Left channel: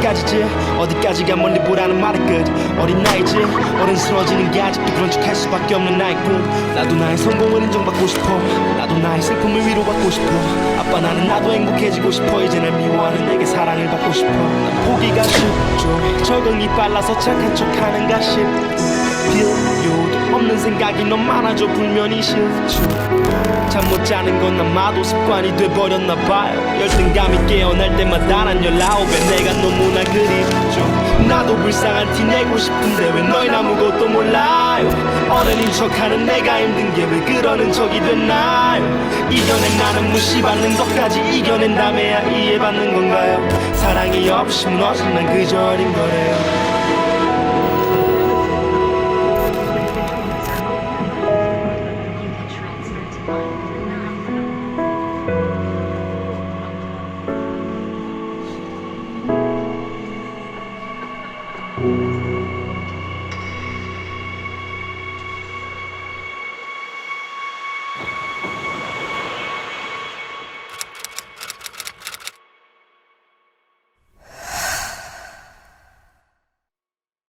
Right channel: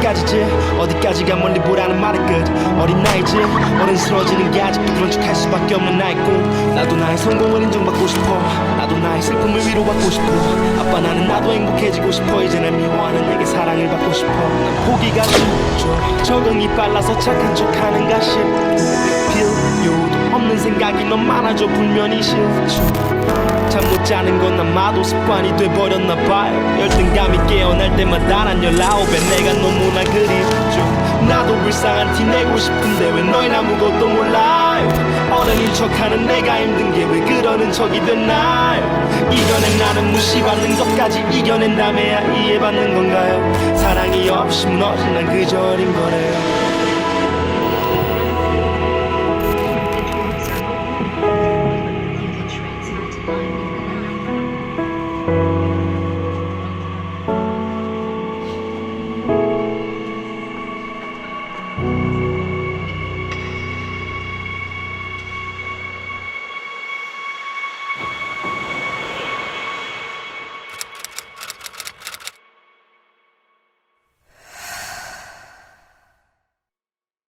어디까지지? 어디까지가 멀리 보라는 말이 끝. 어린 나이지? 어른스러워지는 게 아직도 그런 척 할 수밖에 없는 나의 꿈. 나도 나의 성공을 인정받고 싶어. 나도 나의 슬픔을 위로받고 싶어. 아빠 나는 나도 행복해지고 싶어. 이제 날 미워하는 내게 사랑을 받고 싶어. 난 포기가 쉽죠. 적응이 빨라서 착한 척하는가 싶고 필요도 없는 생각이 너무 많아져 불면이 싫죠. 잠 못 자는 건 아마도 습관이 돼버렸나 봐요. 열등감이 깨어날 때마다 난 열아홉에 내가 너무나 그립죠. 나도 불쌍한 티 내고 싶은데 왜 너희는 아무것도 몰라요? 어른인 척하는 내가 힘든 게 왜 그러는 척이 됐나요? 이겨낸 나는 무시받는 것까지 이겨낸 다음에야 이해받는 건가요? 사랑이 없이 무너진 난 그저 어린 거래요